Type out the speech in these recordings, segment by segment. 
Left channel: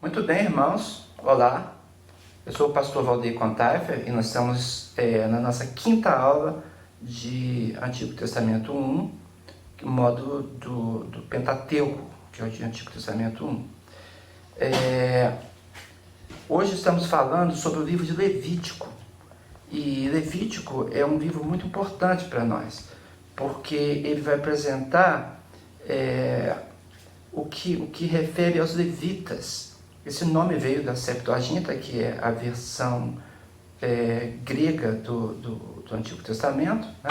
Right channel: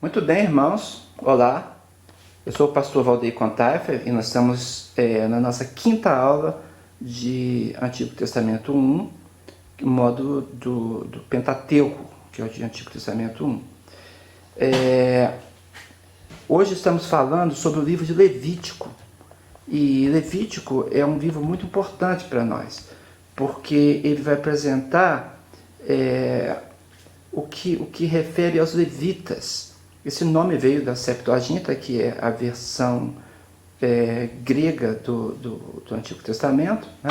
Muito bem, irmãos. Olá, eu sou o pastor Valdeir Contaifer e nós estamos na nossa quinta aula de Antigo Testamento 1, modo do Pentateuco, que é o de Antigo Testamento 1. Hoje estamos falando sobre o livro de Levítico. E Levítico é um livro muito importante para nós, porque ele vai apresentar o que refere aos levitas. Esse nome veio da Septuaginta, que é a versão grega do Antigo Testamento, né?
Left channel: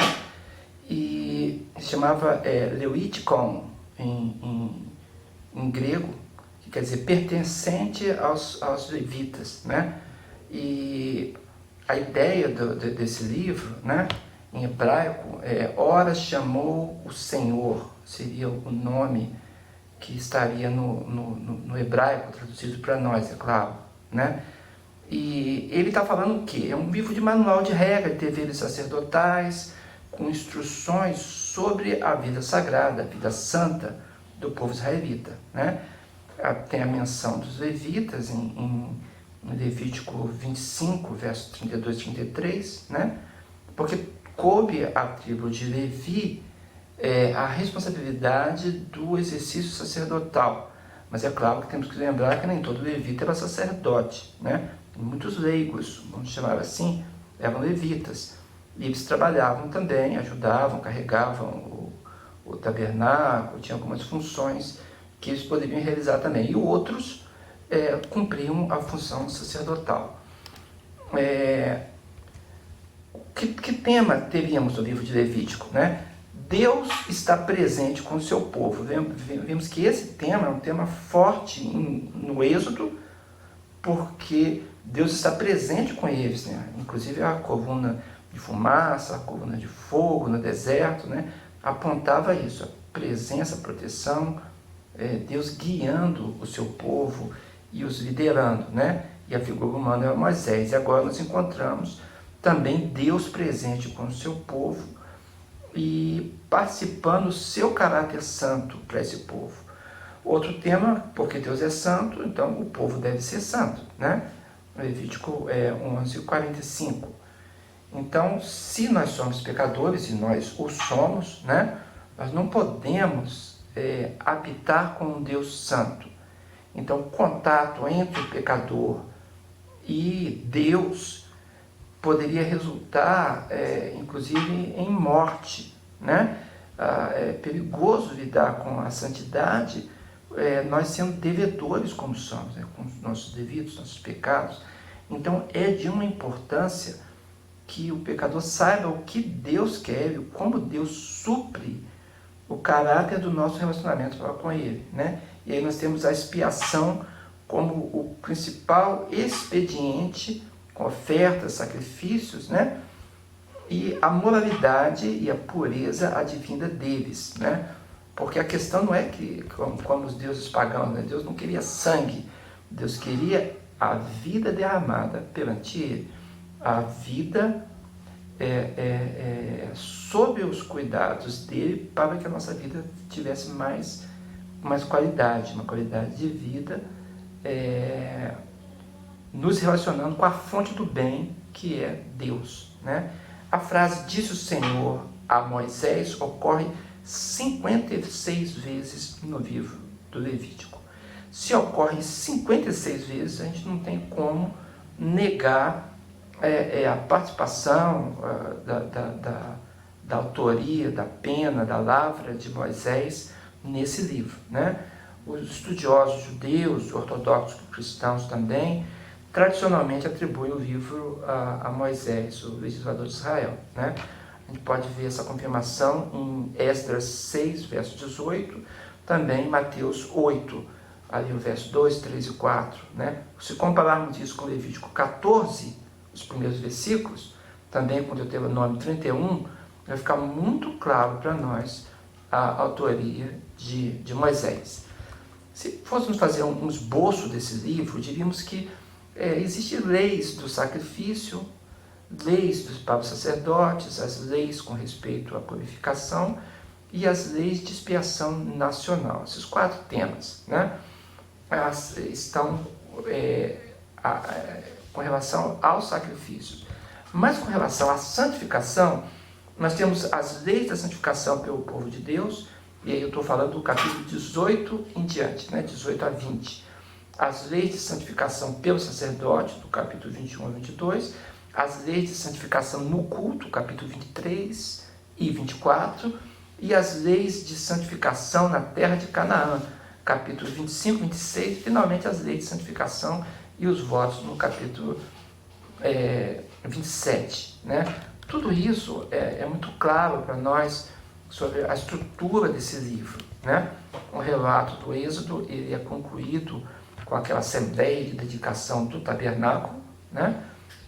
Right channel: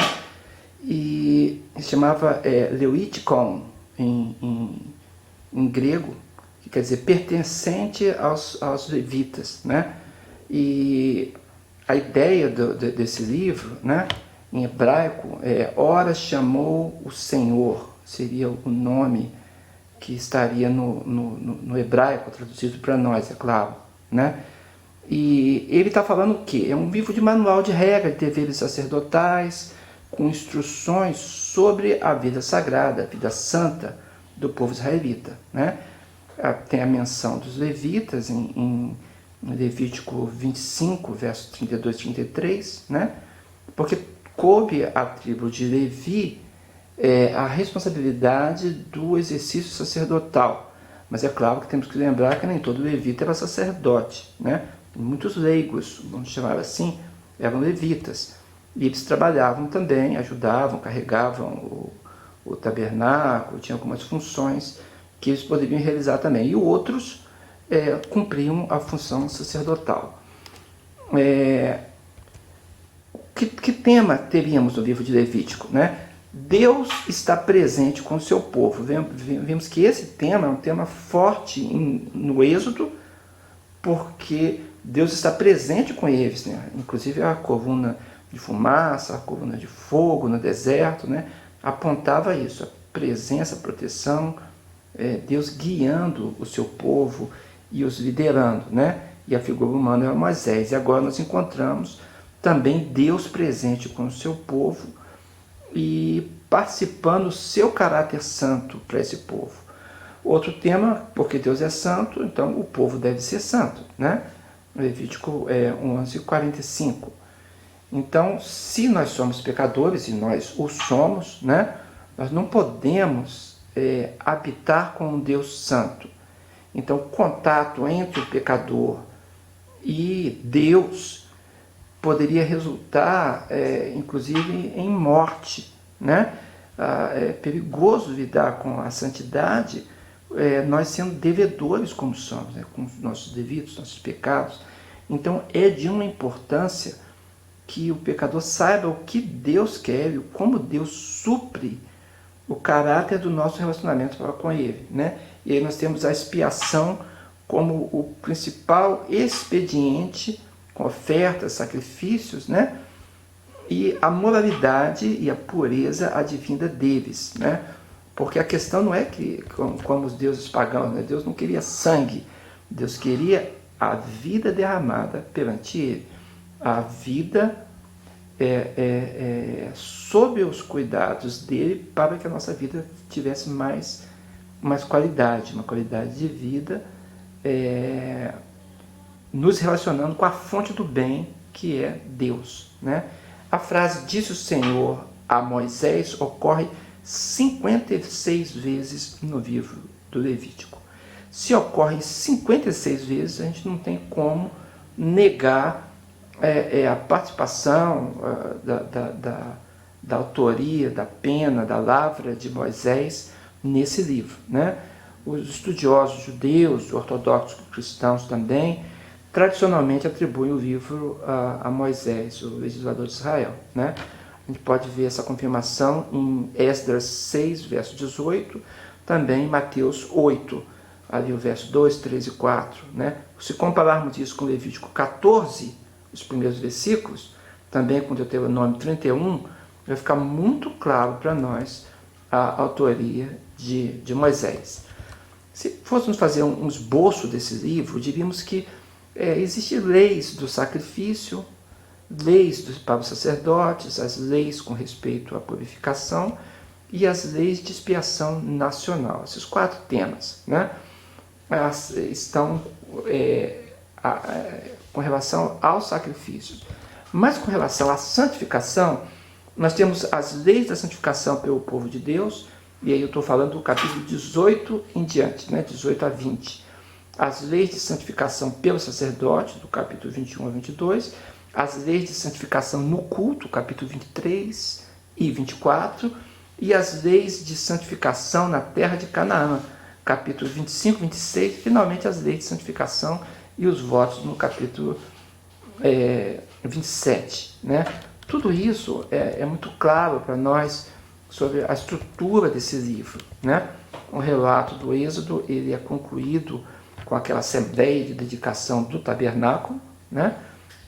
E se chamava Leuitikon em grego, que quer dizer pertencente aos levitas, né? E a ideia desse livro, né, em hebraico, ora chamou o Senhor, seria o nome que estaria no hebraico, traduzido para nós, é claro, né? E ele está falando o quê? É um livro de manual de regras de deveres sacerdotais, com instruções sobre a vida sagrada, a vida santa do povo israelita, né? Tem a menção dos levitas em Levítico 25, versos 32 e 33, né? Porque coube à tribo de Levi a responsabilidade do exercício sacerdotal. Mas é claro que temos que lembrar que nem todo levita era sacerdote, né? Muitos leigos, vamos chamar assim, eram levitas. E eles trabalhavam também, ajudavam, carregavam o tabernáculo, tinham algumas funções que eles poderiam realizar também. E outros cumpriam a função sacerdotal. Que tema teríamos no livro de Levítico, né? Deus está presente com o seu povo. Vemos que esse tema é um tema forte no Êxodo, porque Deus está presente com eles, né? Inclusive a coluna de fumaça, a coluna de fogo no deserto, né? Apontava isso, a presença, a proteção, Deus guiando o seu povo e os liderando, né? E a figura humana é Moisés. E agora nós encontramos também Deus presente com o seu povo e participando do seu caráter santo para esse povo. Outro tema, porque Deus é santo, então o povo deve ser santo, né? Levítico 11:45. Então, se nós somos pecadores, e nós o somos, né? Nós não podemos habitar com um Deus santo. Então, o contato entre o pecador e Deus poderia resultar, inclusive, em morte, né? É perigoso lidar com a santidade, nós sendo devedores como somos, né? Com os nossos devidos, nossos pecados. Então, é de uma importância que o pecador saiba o que Deus quer, como Deus supre o caráter do nosso relacionamento com Ele, né? E aí nós temos a expiação como o principal expediente, com ofertas, sacrifícios, né? E a moralidade e a pureza advinda deles, né? Porque a questão não é que, como os deuses pagãos, né? Deus não queria sangue, Deus queria a vida derramada perante Ele, a vida sob os cuidados dele, para que a nossa vida tivesse mais qualidade, uma qualidade de vida, nos relacionando com a fonte do bem, que é Deus, né? A frase "disse o Senhor a Moisés" ocorre 56 vezes no livro do Levítico. Se ocorre 56 vezes, a gente não tem como negar a participação da autoria, da pena, da lavra de Moisés nesse livro, né? Os estudiosos judeus, ortodoxos cristãos também, tradicionalmente atribuem o livro a Moisés, o legislador de Israel, né? A gente pode ver essa confirmação em Esdras 6, verso 18, também em Mateus 8, ali o verso 2, 3 e 4, né? Se compararmos isso com Levítico 14, os primeiros versículos, também com Deuteronômio 31, vai ficar muito claro para nós a autoria de Moisés. Se fôssemos fazer um esboço desse livro, diríamos que existem leis do sacrifício, leis para os sacerdotes, as leis com respeito à purificação e as leis de expiação nacional. Esses 4 temas, né? elas estão com relação aos sacrifícios. Mas com relação à santificação, nós temos as leis da santificação pelo povo de Deus, e aí eu estou falando do capítulo 18 em diante, 18 a 20. As leis de santificação pelo sacerdote, do capítulo 21 a 22, as leis de santificação no culto, capítulo 23 e 24, e as leis de santificação na terra de Canaã, capítulo 25, 26, e finalmente as leis de santificação e os votos no capítulo 27. Tudo isso é muito claro para nós sobre a estrutura desse livro. O relato do Êxodo ele é concluído com aquela assembleia de dedicação do tabernáculo,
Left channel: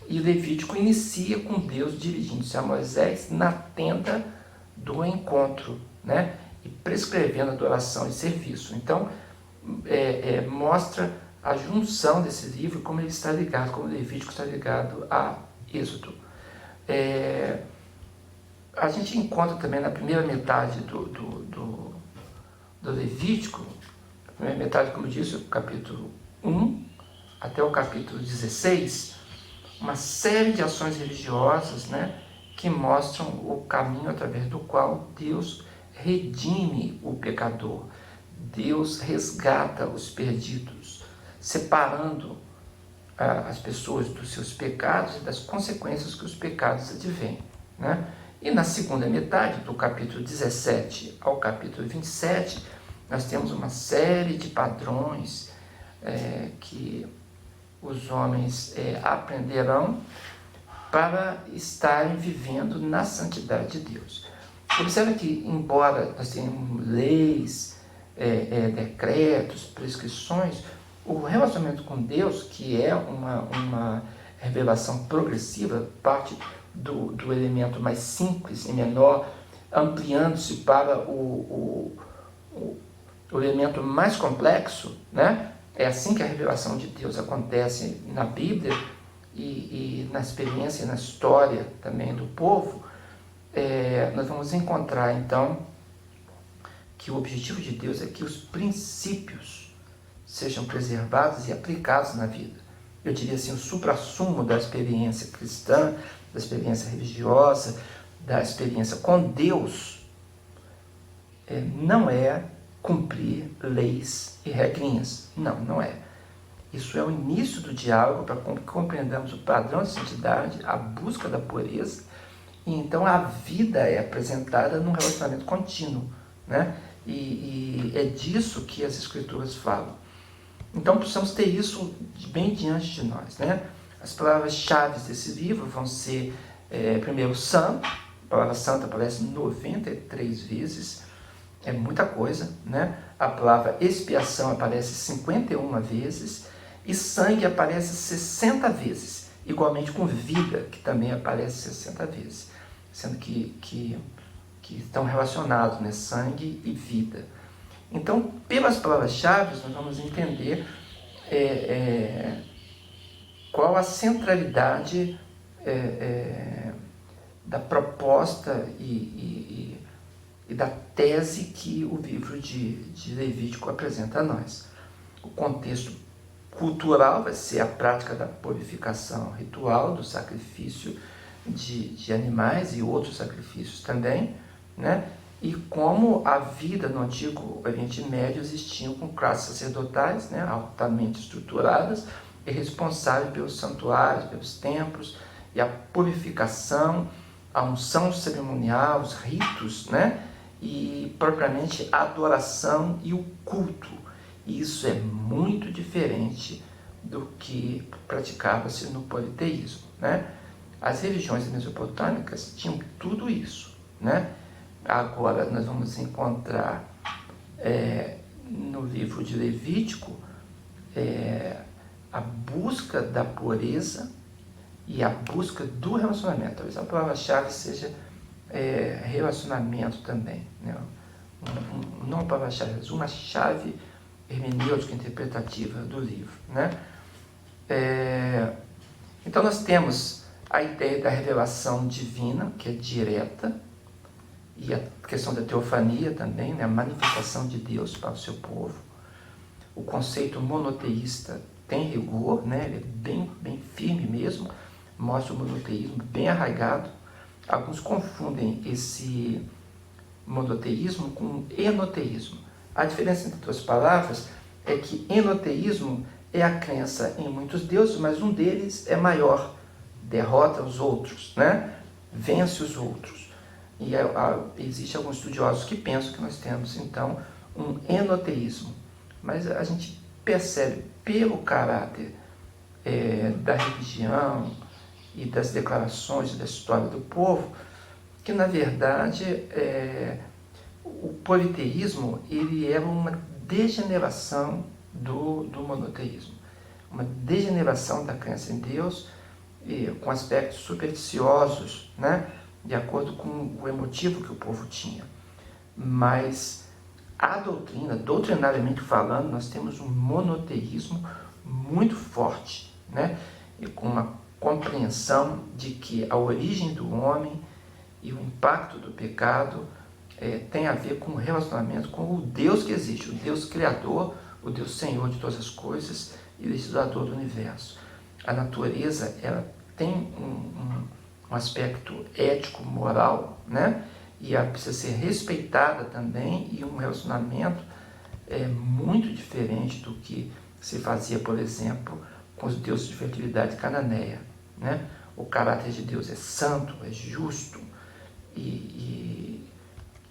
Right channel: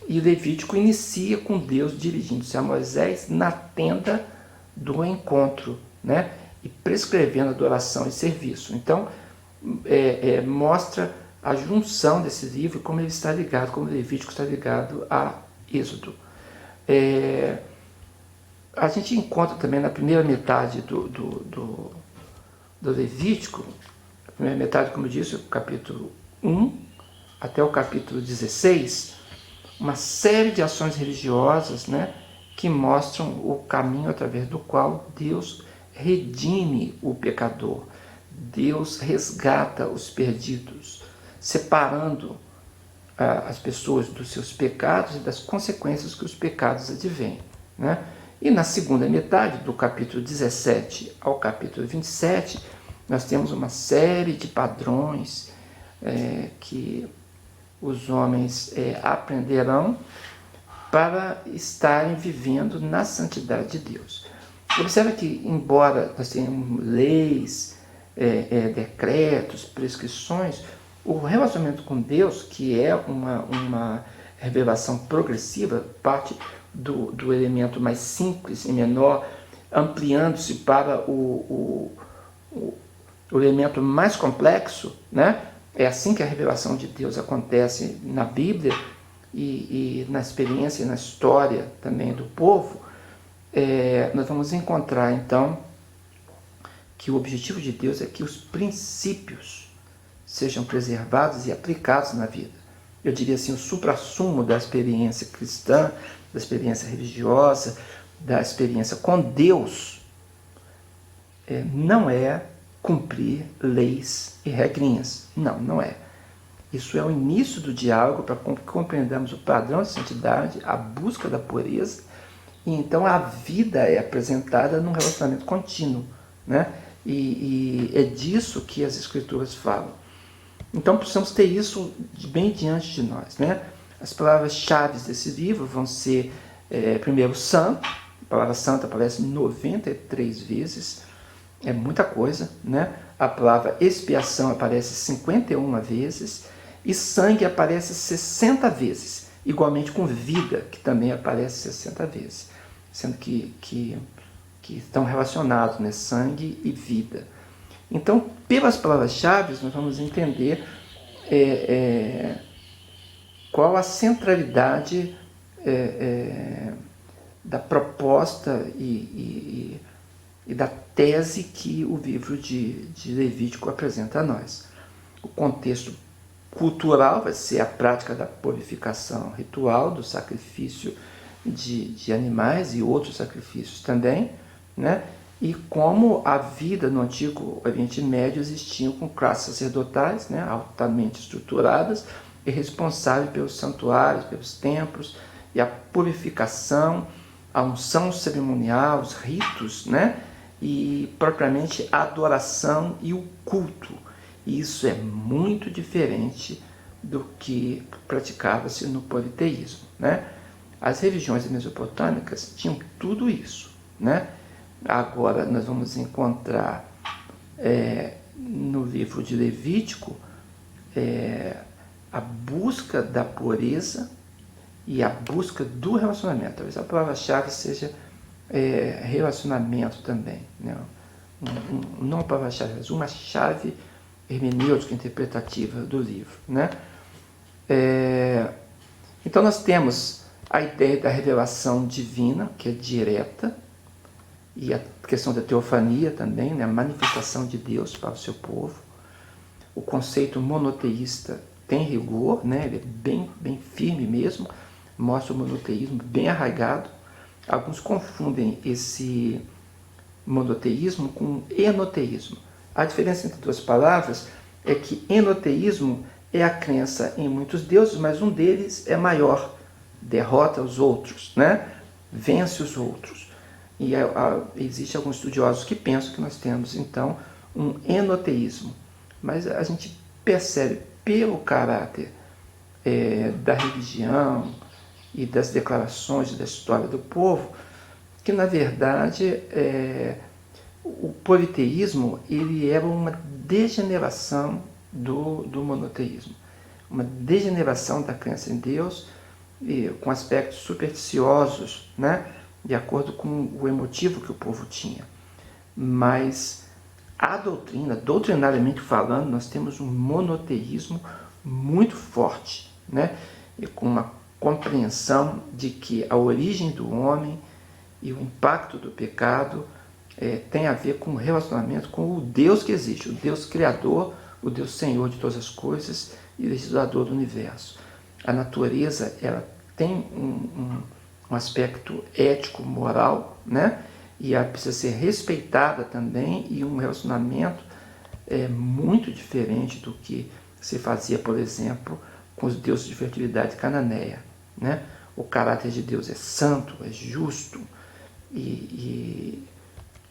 e Levítico inicia com Deus dirigindo-se a Moisés na tenda do encontro, e prescrevendo adoração e serviço. Então, mostra a junção desse livro, como ele está ligado, como Levítico está ligado a Êxodo. A gente encontra também na primeira metade do Levítico, a primeira metade, como eu disse, o capítulo 1 até o capítulo 16, uma série de ações religiosas, que mostram o caminho através do qual Deus redime o pecador, Deus resgata os perdidos, separando as pessoas dos seus pecados e das consequências que os pecados advêm. E na segunda metade, do capítulo 17 ao capítulo 27, nós temos uma série de padrões que os homens aprenderão para estarem vivendo na santidade de Deus. Observe que, embora nós tenhamos leis, decretos, prescrições, o relacionamento com Deus, que é uma revelação progressiva, parte do elemento mais simples e menor, ampliando-se para o elemento mais complexo, É assim que a revelação de Deus acontece na Bíblia e na experiência e na história também do povo. Nós vamos encontrar, então, que o objetivo de Deus é que os princípios sejam preservados e aplicados na vida. Eu diria assim, o suprassumo da experiência cristã, da experiência religiosa, da experiência com Deus, não é cumprir leis e regrinhas. Não é. Isso é o início do diálogo para que compreendamos o padrão de santidade, a busca da pureza, e então a vida é apresentada num relacionamento contínuo, E é disso que as Escrituras falam. Então precisamos ter isso bem diante de nós, As palavras-chave desse livro vão ser, primeiro, santo. A palavra santo aparece 93 vezes, é muita coisa, A palavra expiação aparece 51 vezes, e sangue aparece 60 vezes, igualmente com vida, que também aparece 60 vezes, sendo que estão relacionados, sangue e vida. Então, pelas palavras-chave, nós vamos entender qual a centralidade da proposta e da tese que o livro de Levítico apresenta a nós. O contexto cultural vai ser a prática da purificação ritual, do sacrifício de animais e outros sacrifícios também, E como a vida no Antigo Oriente Médio existia com classes sacerdotais, altamente estruturadas e responsáveis pelos santuários, pelos templos, e a purificação, a unção cerimonial, os ritos, e propriamente a adoração e o culto. E isso é muito diferente do que praticava-se no politeísmo, As religiões mesopotâmicas tinham tudo isso, Agora nós vamos encontrar no livro de Levítico a busca da pureza e a busca do relacionamento. Talvez a palavra-chave seja relacionamento também, não a palavra-chave, mas uma chave hermenêutica interpretativa do livro, Então nós temos a ideia da revelação divina, que é direta, e a questão da teofania também, a manifestação de Deus para o seu povo. O conceito monoteísta tem rigor, né? Ele é bem firme mesmo, mostra o monoteísmo bem arraigado. Alguns confundem esse monoteísmo com enoteísmo. A diferença entre duas palavras é que enoteísmo é a crença em muitos deuses, mas um deles é maior, derrota os outros, né? Vence os outros. E existe alguns estudiosos que pensam que nós temos, então, um enoteísmo. Mas a gente percebe pelo caráter da religião e das declarações da história do povo que, na verdade, o politeísmo ele era uma degeneração do monoteísmo, uma degeneração da crença em Deus, com aspectos supersticiosos, né, de acordo com o emotivo que o povo tinha. Mas a doutrina, doutrinariamente falando, nós temos um monoteísmo muito forte, né, e com uma compreensão de que a origem do homem e o impacto do pecado tem a ver com o relacionamento com o Deus que existe, o Deus Criador, o Deus Senhor de todas as coisas e legislador do universo. A natureza ela tem um aspecto ético, moral, né? E ela precisa ser respeitada também, e um relacionamento muito diferente do que se fazia, por exemplo, com os deuses de fertilidade cananeia, né? O caráter de Deus é santo, é justo, e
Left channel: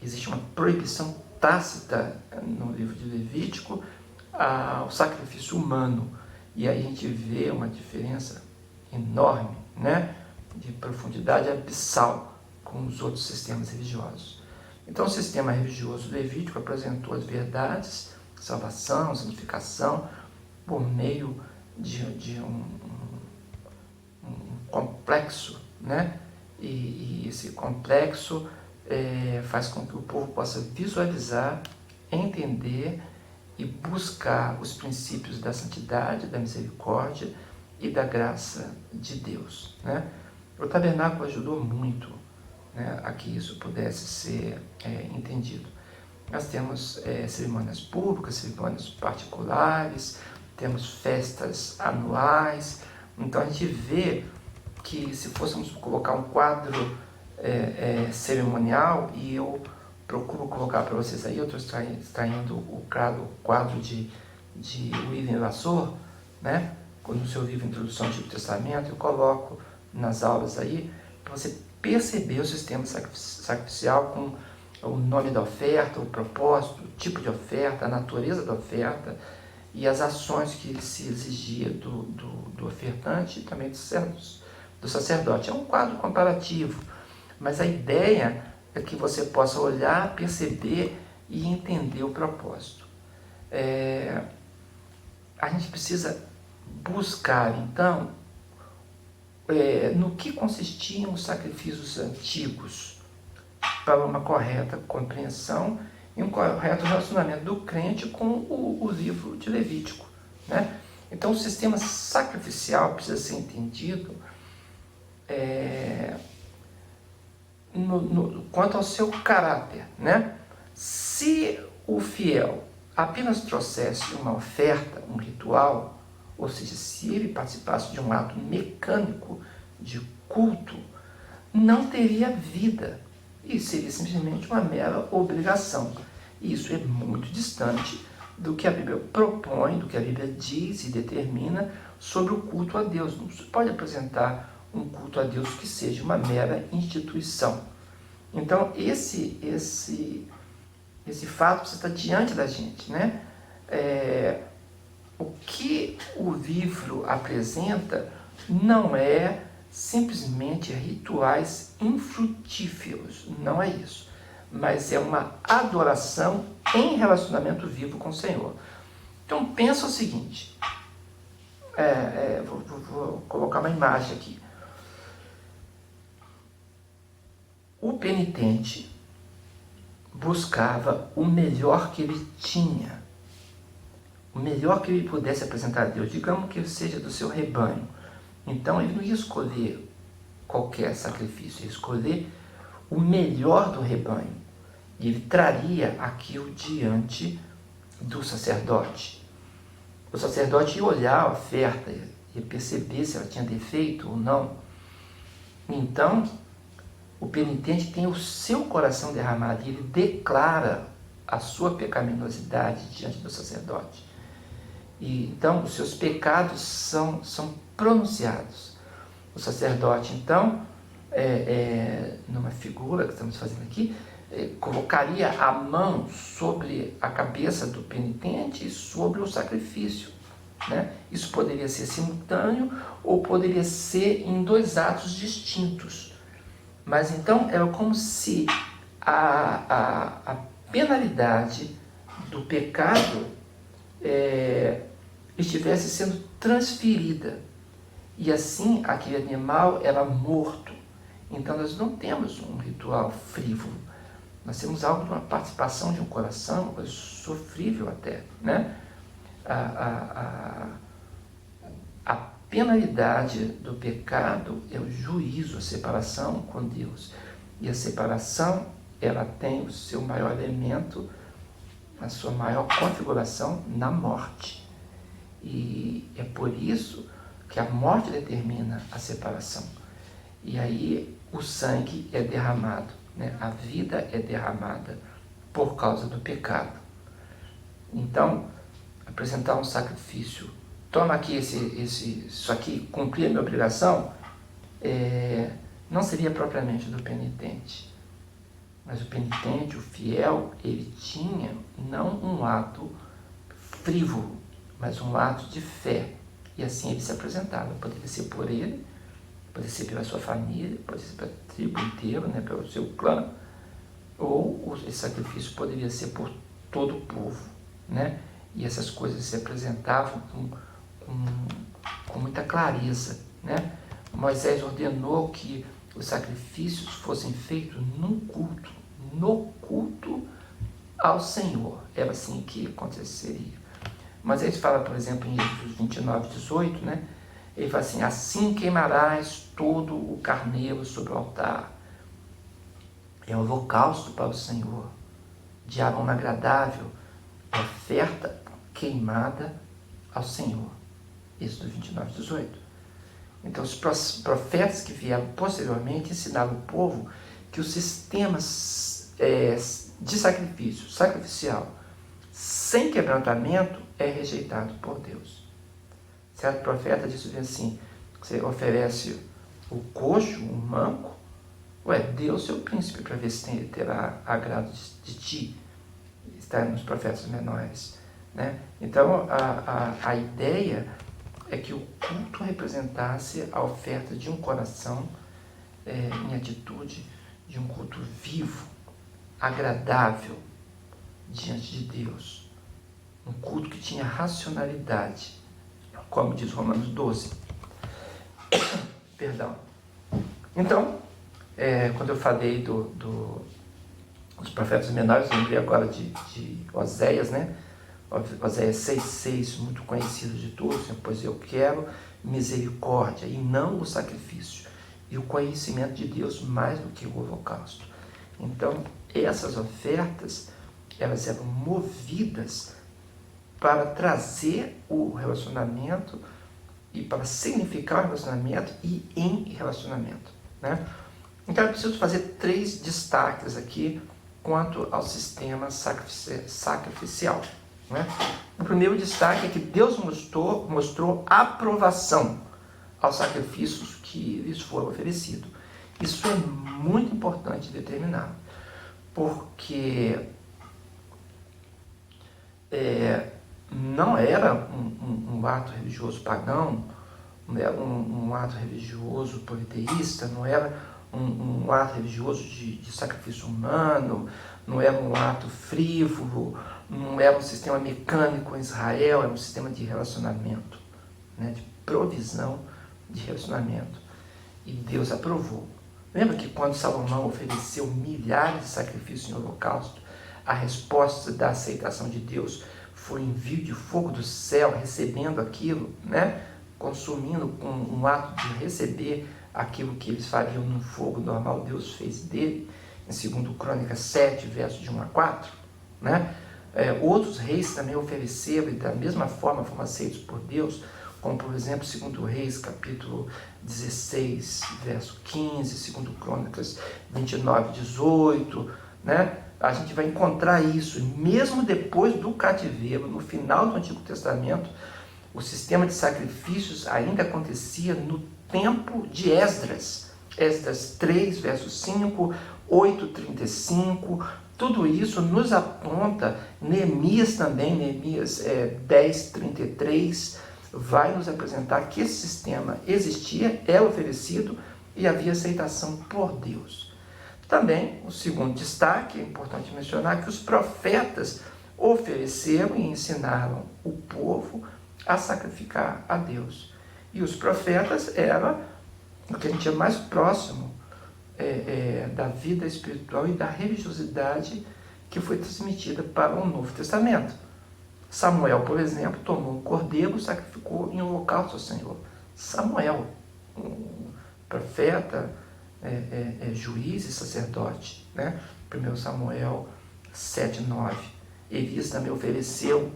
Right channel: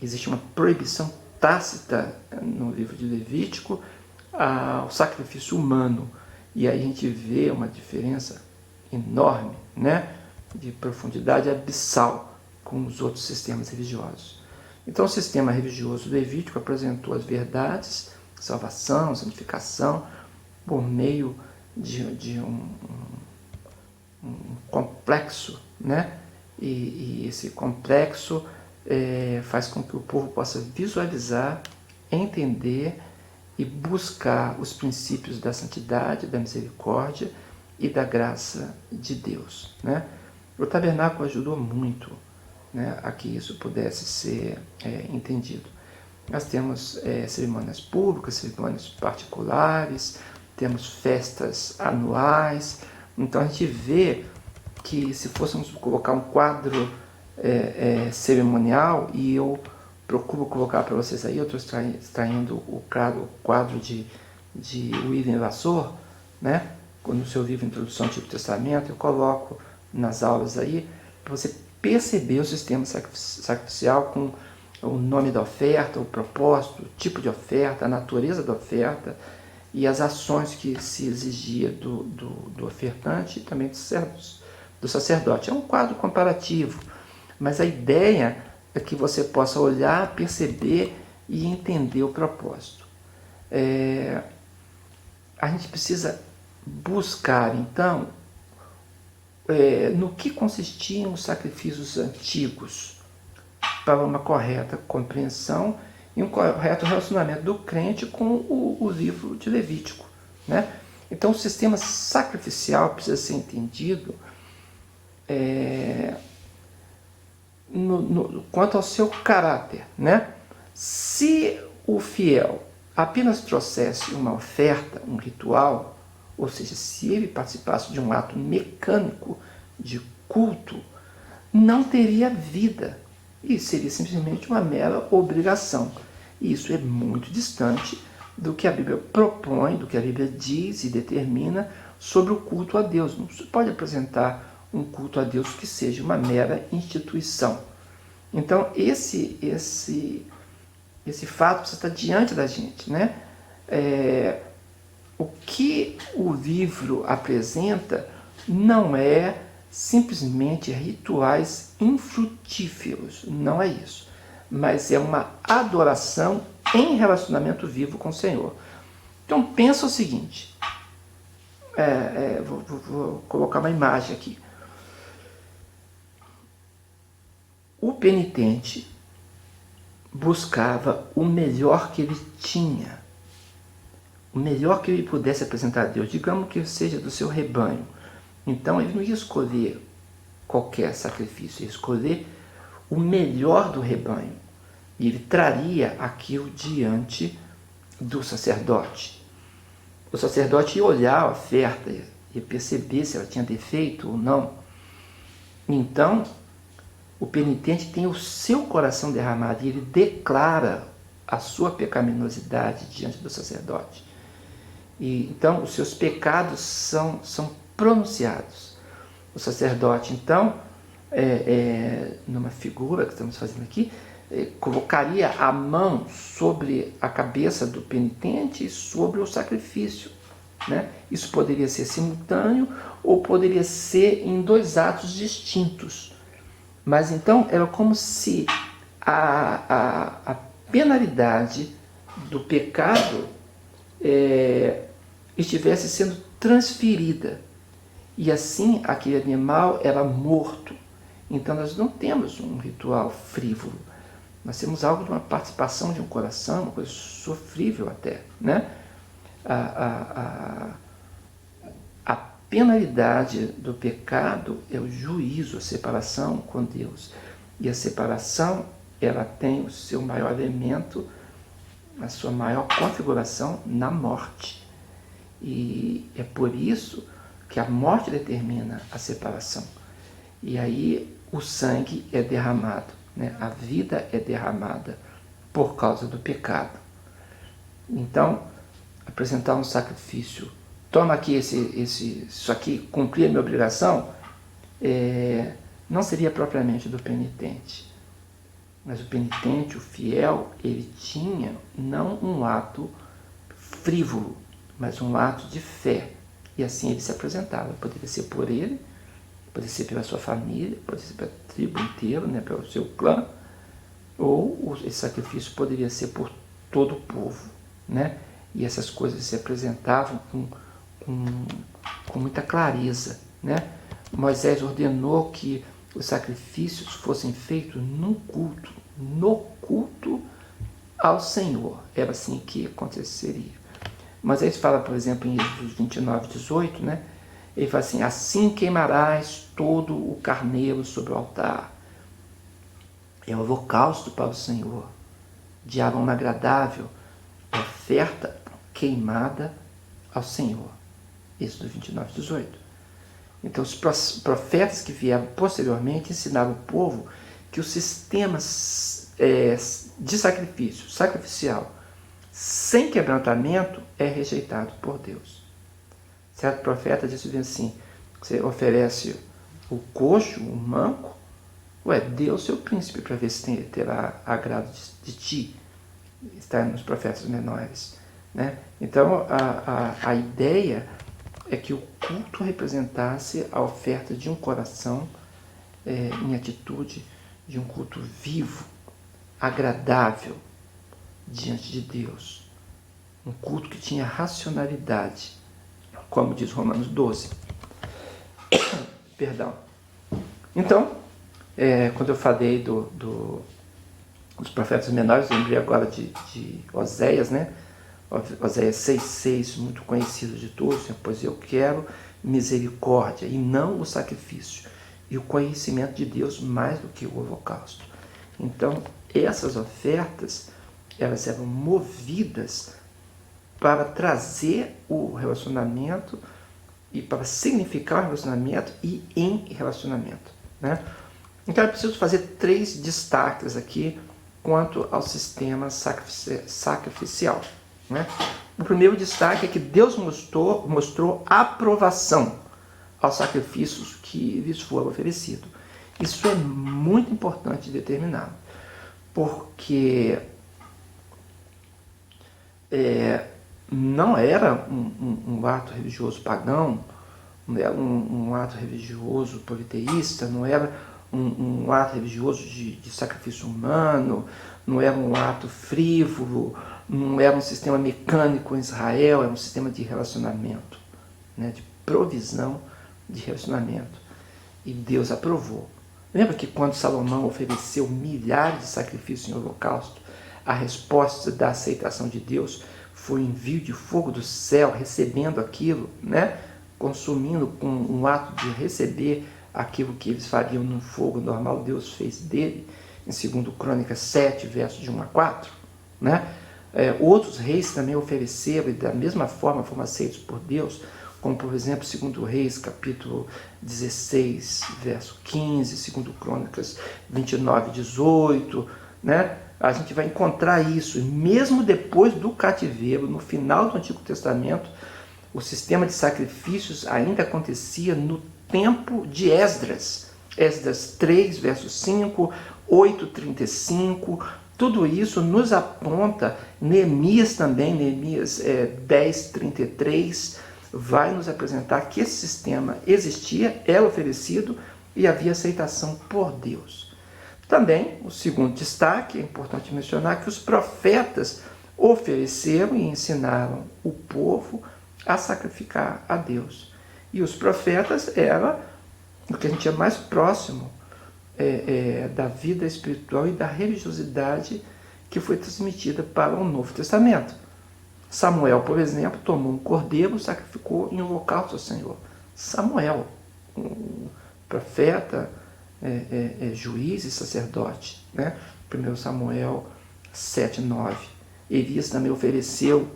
existe uma proibição tácita no livro de Levítico ao sacrifício humano. E aí a gente vê uma diferença enorme, né, de profundidade abissal com os outros sistemas religiosos. Então o sistema religioso levítico apresentou as verdades, salvação, santificação, por meio de um complexo, né? E esse complexo faz com que o povo possa visualizar, entender e buscar os princípios da santidade, da misericórdia e da graça de Deus, né? O tabernáculo ajudou muito, né, a que isso pudesse ser entendido. Nós temos cerimônias públicas, cerimônias particulares, temos festas anuais. Então a gente vê que se fôssemos colocar um quadro cerimonial, e eu procuro colocar para vocês aí, eu estou extraindo o quadro de William Lassor, né? No seu livro Introdução ao Antigo Testamento, eu coloco nas aulas aí, para você perceber o sistema sacrificial com o nome da oferta, o propósito, o tipo de oferta, a natureza da oferta e as ações que se exigia do ofertante e também do sacerdote. É um quadro comparativo, mas a ideia é que você possa olhar, perceber e entender o propósito. A gente precisa buscar, então, no que consistiam os sacrifícios antigos para uma correta compreensão e um correto relacionamento do crente com o livro de Levítico, né? Então, o sistema sacrificial precisa ser entendido quanto ao seu caráter, né? Se o fiel apenas trouxesse uma oferta, um ritual, ou seja, se ele participasse de um ato mecânico de culto, não teria vida e seria simplesmente uma mera obrigação. E isso é muito distante do que a Bíblia propõe, do que a Bíblia diz e determina sobre o culto a Deus. Não se pode apresentar um culto a Deus que seja uma mera instituição. Então, esse fato precisa estar diante da gente, né? O que o livro apresenta não é simplesmente rituais infrutíferos, não é isso, mas é uma adoração em relacionamento vivo com o Senhor. Então pensa o seguinte, vou colocar uma imagem aqui. O penitente buscava o melhor que ele tinha, o melhor que ele pudesse apresentar a Deus, digamos que seja do seu rebanho. Então ele não ia escolher qualquer sacrifício, ia escolher o melhor do rebanho. E ele traria aquilo diante do sacerdote. o sacerdote ia olhar a oferta, ia perceber se ela tinha defeito ou não. Então, o penitente tem o seu coração derramado e ele declara a sua pecaminosidade diante do sacerdote. E então, os seus pecados são pronunciados. O sacerdote, então, numa figura que estamos fazendo aqui, colocaria a mão sobre a cabeça do penitente e sobre o sacrifício, né? Isso poderia ser simultâneo ou poderia ser em dois atos distintos. Mas então era como se a penalidade do pecado estivesse sendo transferida. E assim aquele animal era morto. Então nós não temos um ritual frívolo. Nós temos algo de uma participação de um coração, uma coisa sofrível até, né? A penalidade do pecado é o juízo, a separação com Deus. E a separação, ela tem o seu maior elemento, a sua maior configuração na morte. E é por isso que a morte determina a separação. E aí o sangue é derramado, né? A vida é derramada por causa do pecado. Então, apresentar um sacrifício, toma aqui isso aqui, cumprir a minha obrigação, não seria propriamente do penitente. Mas o penitente, o fiel, ele tinha não um ato frívolo, mas um ato de fé. E assim ele se apresentava. Poderia ser por ele, poderia ser pela sua família, poderia ser pela tribo inteira, né, pelo seu clã, ou esse sacrifício poderia ser por todo o povo, né? E essas coisas se apresentavam com muita clareza, né? Moisés ordenou que os sacrifícios fossem feitos no culto ao Senhor. Era assim que aconteceria. Moisés fala, por exemplo, em Êxodo 29, 18, né? Ele fala assim: assim queimarás todo o carneiro sobre o altar. É um holocausto para o Senhor, de aroma agradável, oferta queimada ao Senhor. Êxodo 29, 18. Então, os profetas que vieram posteriormente ensinaram o povo que o sistema de sacrificial, sem quebrantamento, é rejeitado por Deus. Certo profeta disse assim: você oferece o coxo, o manco, dê o seu príncipe para ver se ele terá agrado de ti. Está nos profetas menores, né? Então, a ideia é que o culto representasse a oferta de um coração em atitude de um culto vivo, agradável diante de Deus. Um culto que tinha racionalidade, como diz Romanos 12. Perdão. Então, quando eu falei dos profetas menores, eu lembrei agora de Oséias, né? Oséias 6,6, muito conhecido de todos, pois eu quero misericórdia e não o sacrifício, e o conhecimento de Deus mais do que o holocausto. Então, essas ofertas, elas eram movidas para trazer o relacionamento e para significar o relacionamento e em relacionamento, né? Então, eu preciso fazer 3 destaques aqui quanto ao sistema sacrificial, né? O primeiro destaque é que Deus mostrou aprovação aos sacrifícios que lhes foram oferecidos. Isso é muito importante determinar, porque não era um ato religioso pagão, não era um ato religioso politeísta, não era um ato religioso de sacrifício humano, não era um ato frívolo, não era um sistema mecânico em Israel, era um sistema de relacionamento, né, de provisão de relacionamento. E Deus aprovou. Lembra que quando Salomão ofereceu milhares de sacrifícios em holocausto, a resposta da aceitação de Deus foi o envio de fogo do céu, recebendo aquilo, né, consumindo com um ato de receber aquilo que eles fariam no fogo normal. Deus fez dele, em 2 Crônicas 7, versos de 1 a 4, né? Outros reis também ofereceram, e da mesma forma foram aceitos por Deus, como por exemplo, 2 Reis, capítulo 16, verso 15, 2 Crônicas 29, 18, né? A gente vai encontrar isso, e mesmo depois do cativeiro, no final do Antigo Testamento, o sistema de sacrifícios ainda acontecia no tempo de Esdras. Esdras 3, verso 5, 8, 35, tudo isso nos aponta, Neemias também, Neemias 10, 33, vai nos apresentar que esse sistema existia, é oferecido e havia aceitação por Deus. Também, o segundo destaque, é importante mencionar que os profetas ofereceram e ensinaram o povo a sacrificar a Deus. E os profetas eram o que a gente é mais próximo da vida espiritual e da religiosidade que foi transmitida para o Novo Testamento. Samuel, por exemplo, tomou um cordeiro e sacrificou em holocausto ao Senhor. Samuel, um profeta, juiz e sacerdote, né? 1 Samuel 7, 9. Elias também ofereceu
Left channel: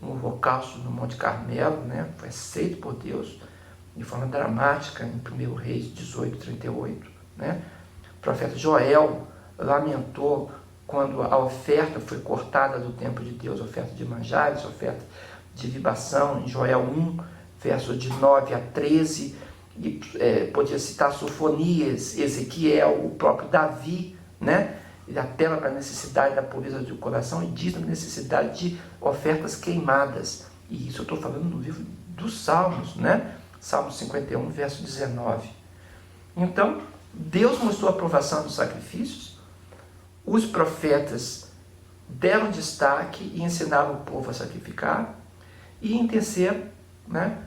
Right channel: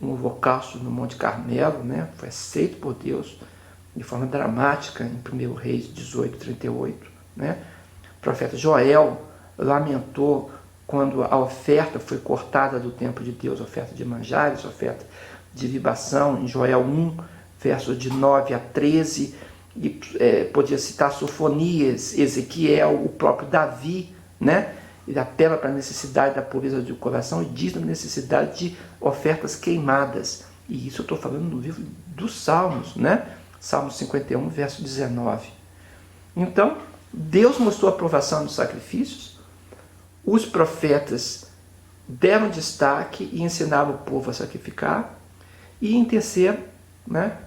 um holocausto no Monte Carmelo, né? Foi aceito por Deus de forma dramática em 1 Reis 18, 38. Né? O profeta Joel lamentou quando a oferta foi cortada do templo de Deus, oferta de manjares, oferta de libação, em Joel 1, versos de 9 a 13, e podia citar Sofonias, Ezequiel, o próprio Davi, né? Ele apela para a necessidade da pureza do coração e diz da necessidade de ofertas queimadas. E isso eu estou falando no livro dos Salmos, né? Salmo 51, verso 19. Então, Deus mostrou a aprovação dos sacrifícios, os profetas deram destaque e ensinaram o povo a sacrificar, e em terceiro, né,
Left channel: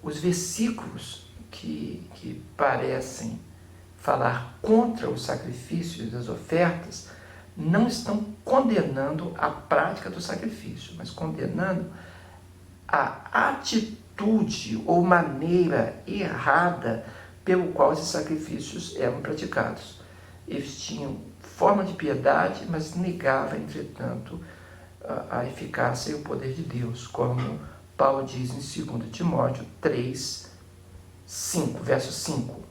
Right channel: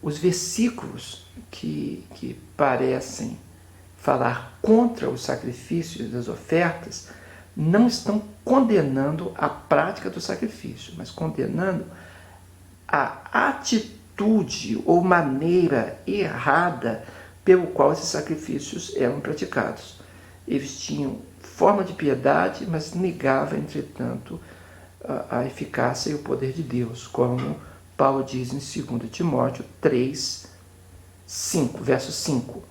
os versículos que parecem falar contra os sacrifícios e das ofertas não estão condenando a prática do sacrifício, mas condenando a atitude ou maneira errada pelo qual esses sacrifícios eram praticados. Eles tinham forma de piedade, mas negavam, entretanto, a eficácia e o poder de Deus, como Paulo diz em 2 Timóteo 3, 5, verso 5.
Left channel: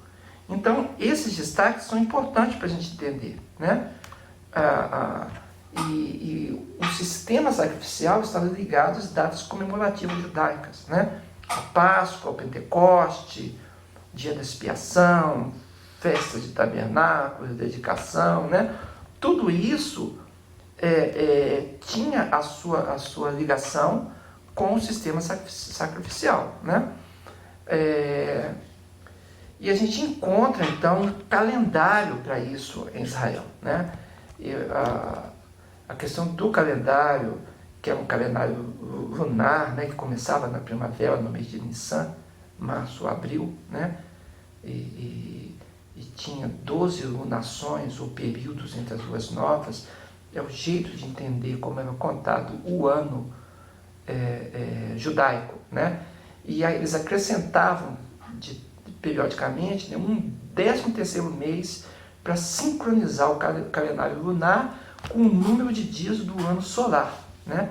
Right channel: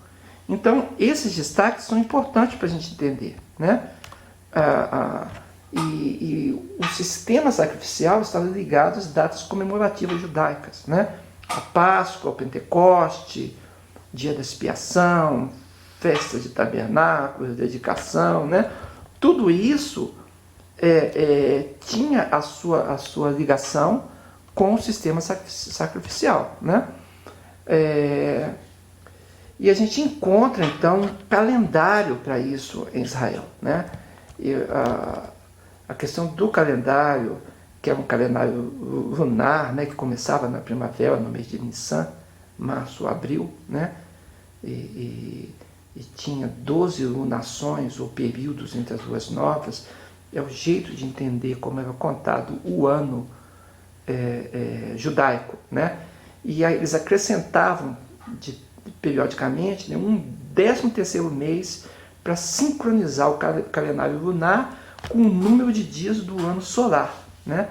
Então, esses destaques são importantes para a gente entender, né? E o sistema sacrificial estava ligado às datas comemorativas judaicas, né? A Páscoa, o Pentecoste, Dia da Expiação, festa de tabernáculos, dedicação, né? Tudo isso tinha a sua ligação com o sistema sacrificial, né? E a gente encontra, então, um calendário para isso em Israel, né? E a questão do calendário, que é um calendário lunar, né, que começava na primavera, no mês de Nissan, março, abril, né? E tinha 12 lunações ou períodos entre as luas novas. É o jeito de entender como era contado o ano judaico, né? E aí eles acrescentavam periodicamente, né, um 13º mês para sincronizar o calendário lunar com o número de dias do ano solar, né?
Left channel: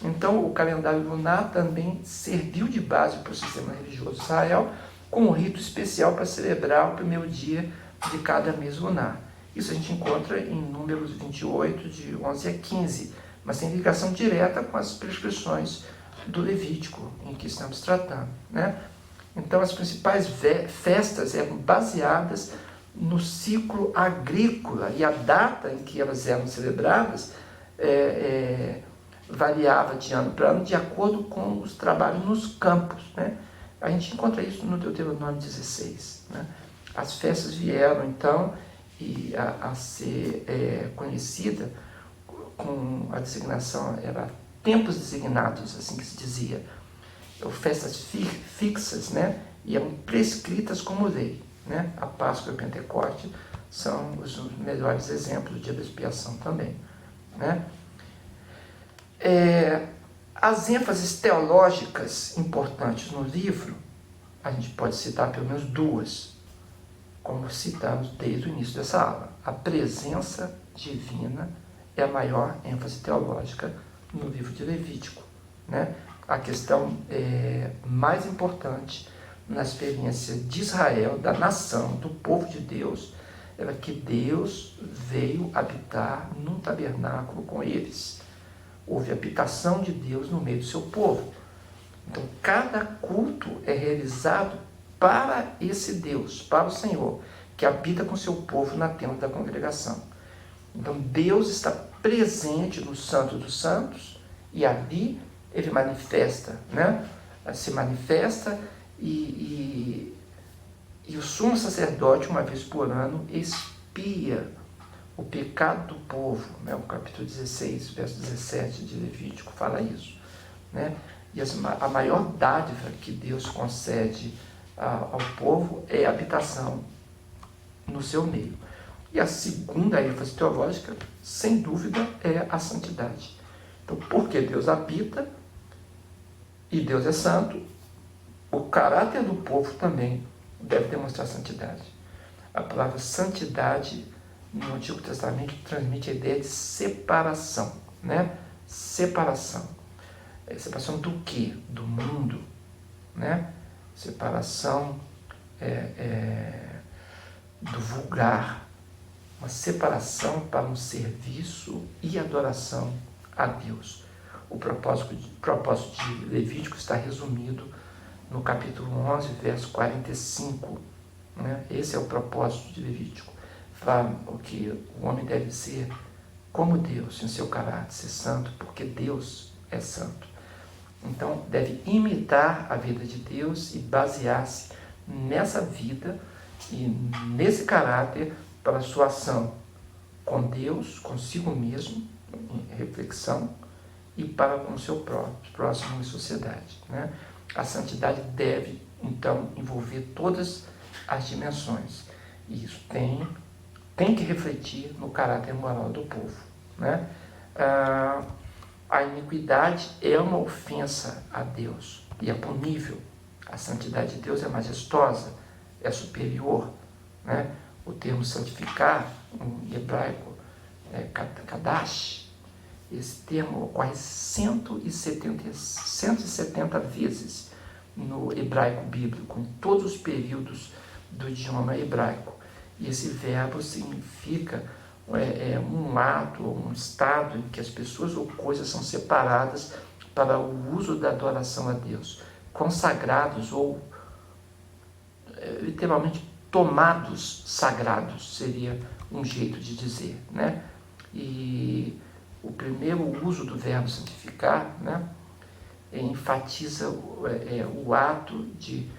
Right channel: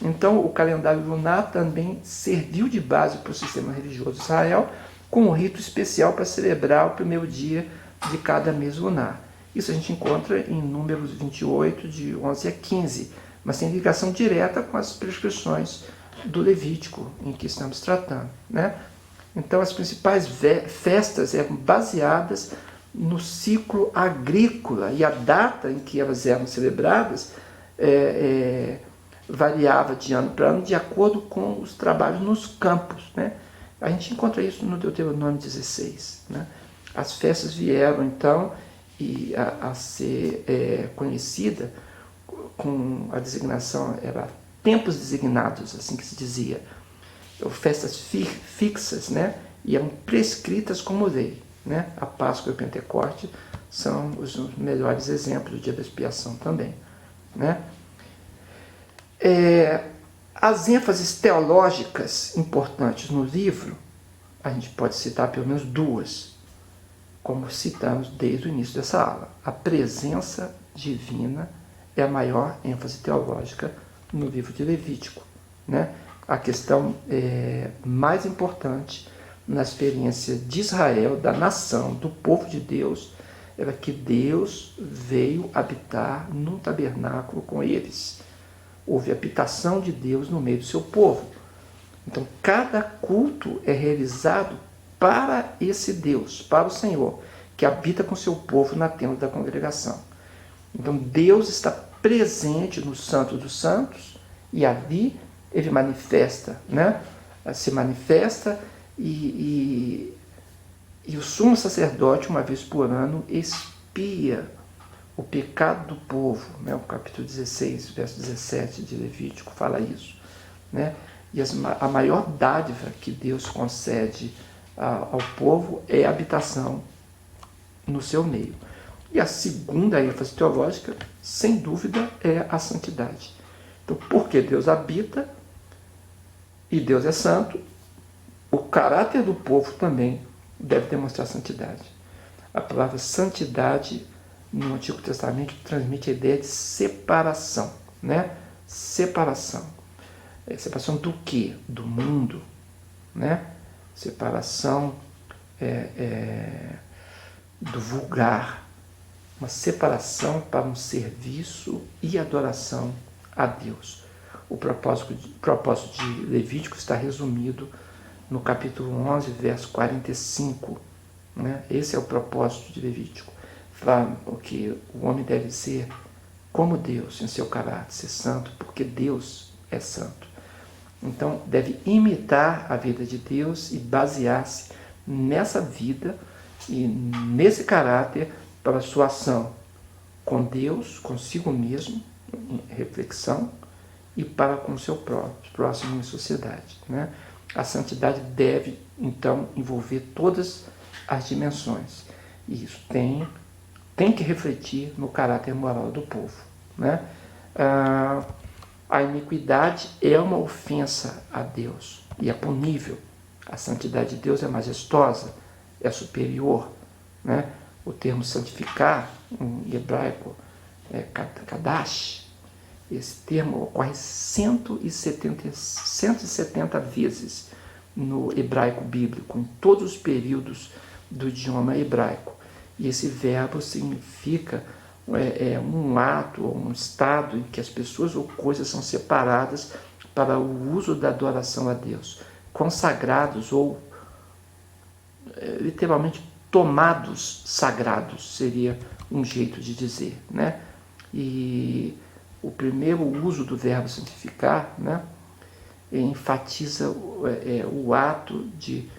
Então o calendário lunar também serviu de base para o sistema religioso de Israel, com um rito especial para celebrar o primeiro dia de cada mês lunar. Isso a gente encontra em Números 28, de 11 a 15, mas tem ligação direta com as prescrições do Levítico, em que estamos tratando, né? Então, as principais festas eram baseadas no ciclo agrícola, e a data em que elas eram celebradas variava de ano para ano de acordo com os trabalhos nos campos, né? A gente encontra isso no Deuteronômio 16, né? As festas vieram, então, a ser conhecida com a designação, era tempos designados, assim que se dizia, festas fixas, né? E eram prescritas como lei, né? A Páscoa e o Pentecoste são os melhores exemplos, o dia da expiação também, né? As ênfases teológicas importantes no livro, a gente pode citar pelo menos duas, como citamos desde o início dessa aula: a presença divina é a maior ênfase teológica no livro de Levítico, né? A questão mais importante na experiência de Israel, da nação, do povo de Deus, era que Deus veio habitar num tabernáculo com eles. Houve habitação de Deus no meio do seu povo. Então, cada culto é realizado para esse Deus, para o Senhor, que habita com seu povo na tenda da congregação. Então, Deus está presente no Santo dos Santos e ali ele manifesta, né? Se manifesta e o sumo sacerdote, uma vez por ano, expia o pecado do povo, né? O capítulo 16, verso 17 de Levítico fala isso, né? E a maior dádiva que Deus concede ao povo é a habitação no seu meio. E a segunda ênfase teológica, sem dúvida, é a santidade. Então, porque Deus habita e Deus é santo, o caráter do povo também deve demonstrar santidade. A palavra santidade no Antigo Testamento transmite a ideia de separação, né? Separação. Separação do quê? Do mundo, né? Separação do vulgar, uma separação para um serviço e adoração a Deus. O propósito de Levítico está resumido no capítulo 11, verso 45. Né? Esse é o propósito de Levítico. Fala que o homem deve ser como Deus em seu caráter, ser santo, porque Deus é santo. Então, deve imitar a vida de Deus e basear-se nessa vida e nesse caráter para a sua ação com Deus, consigo mesmo, em reflexão, e para com o seu próximo em sociedade. Né? A santidade deve, então, envolver todas as dimensões. E isso tem que refletir no caráter moral do povo. Né? A iniquidade é uma ofensa a Deus e é punível. A santidade de Deus é majestosa, é superior. Né? O termo santificar, em hebraico, é kadash. Esse termo ocorre 170 vezes no hebraico bíblico, em todos os períodos do idioma hebraico. E esse verbo significa um ato, um estado em que as pessoas ou coisas são separadas para o uso da adoração a Deus, consagrados ou literalmente tomados sagrados, seria um jeito de dizer, né? E o primeiro uso do verbo santificar, né, enfatiza o ato de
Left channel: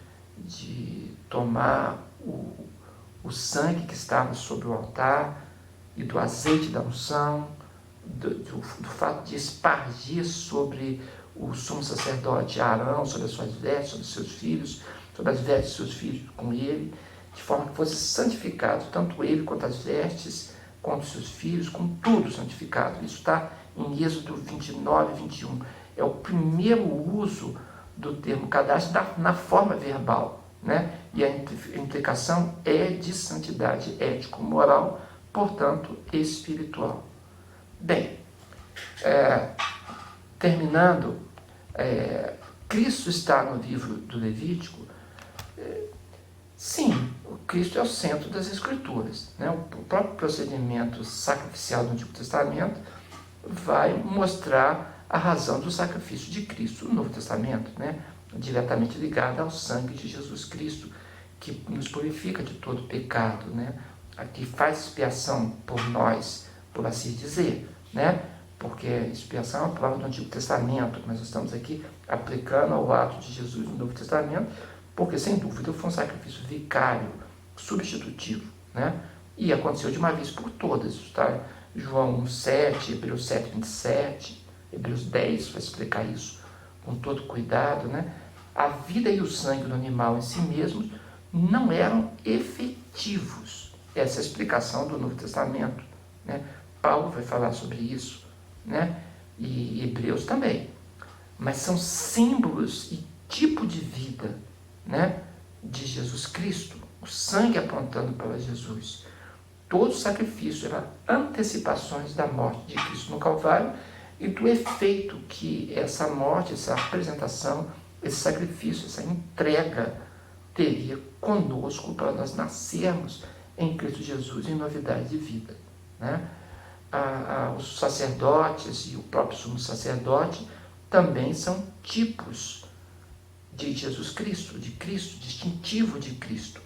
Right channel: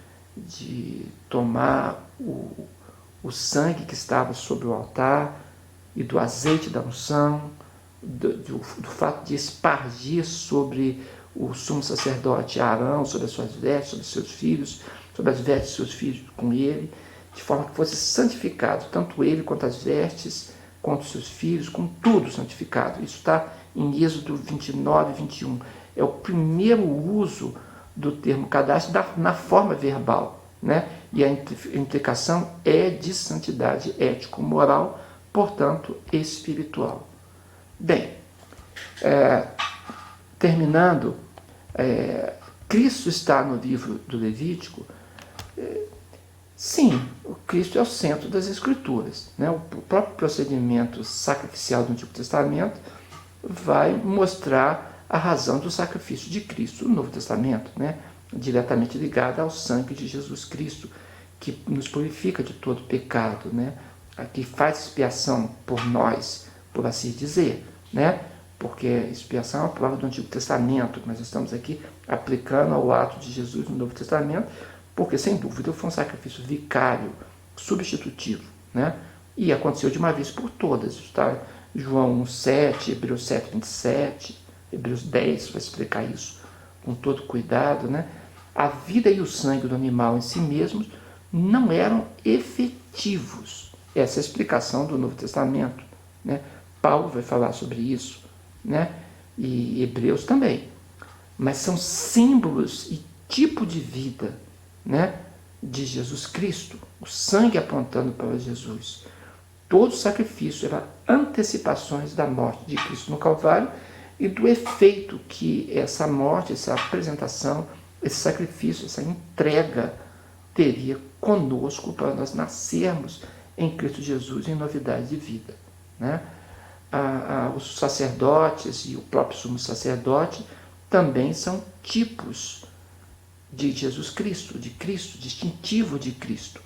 tomar o sangue que estava sobre o altar e do azeite da unção, do fato de espargir sobre o sumo sacerdote Arão, sobre as suas vestes, sobre os seus filhos, sobre as vestes dos seus filhos com ele, de forma que fosse santificado, tanto ele quanto as vestes, quanto os seus filhos, com tudo santificado. Isso está em Êxodo 29 e 21. É o primeiro uso do termo cadastro na forma verbal, né? E a implicação é de santidade ético-moral, portanto, espiritual. Bem, terminando, Cristo está no livro do Levítico. Sim, o Cristo é o centro das Escrituras. Né? O próprio procedimento sacrificial do Antigo Testamento vai mostrar a razão do sacrifício de Cristo no Novo Testamento, né? Diretamente ligada ao sangue de Jesus Cristo, que nos purifica de todo pecado, né? Que faz expiação por nós, por assim dizer, né? Porque expiação é uma palavra do Antigo Testamento, mas estamos aqui aplicando ao ato de Jesus no Novo Testamento, porque sem dúvida foi um sacrifício vicário, substitutivo, né? E aconteceu de uma vez por todas, tá? João 1,7, Hebreus 7, 27, Hebreus 10 vai explicar isso com todo cuidado, né? A vida e o sangue do animal em si mesmos não eram efetivos. Essa é a explicação do Novo Testamento, né? Paulo vai falar sobre isso, né? E Hebreus também. Mas são símbolos e tipo de vida, né, de Jesus Cristo, o sangue apontando para Jesus. Todo sacrifício era antecipações da morte de Cristo no Calvário e do efeito que essa morte, essa apresentação, esse sacrifício, essa entrega teria conosco para nós nascermos em Cristo Jesus em novidade de vida, né? Os sacerdotes e o próprio sumo sacerdote também são tipos de Jesus Cristo, distintivo de Cristo.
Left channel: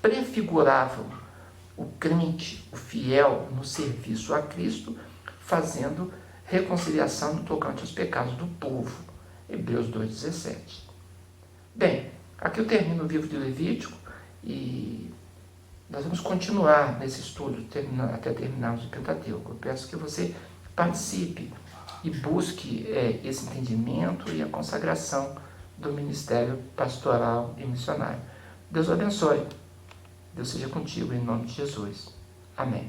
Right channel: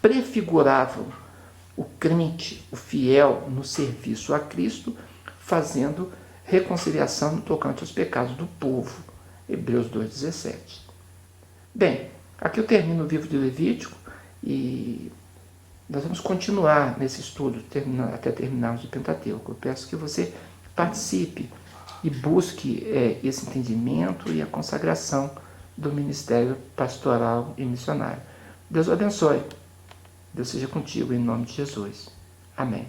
Prefiguravam o crente, o fiel no serviço a Cristo, fazendo reconciliação no tocante aos pecados do povo. Hebreus 2,17. Bem, aqui eu termino o livro de Levítico e nós vamos continuar nesse estudo até terminarmos o Pentateuco. Eu peço que você participe e busque esse entendimento e a consagração do ministério pastoral e missionário. Deus o abençoe. Deus seja contigo, em nome de Jesus. Amém.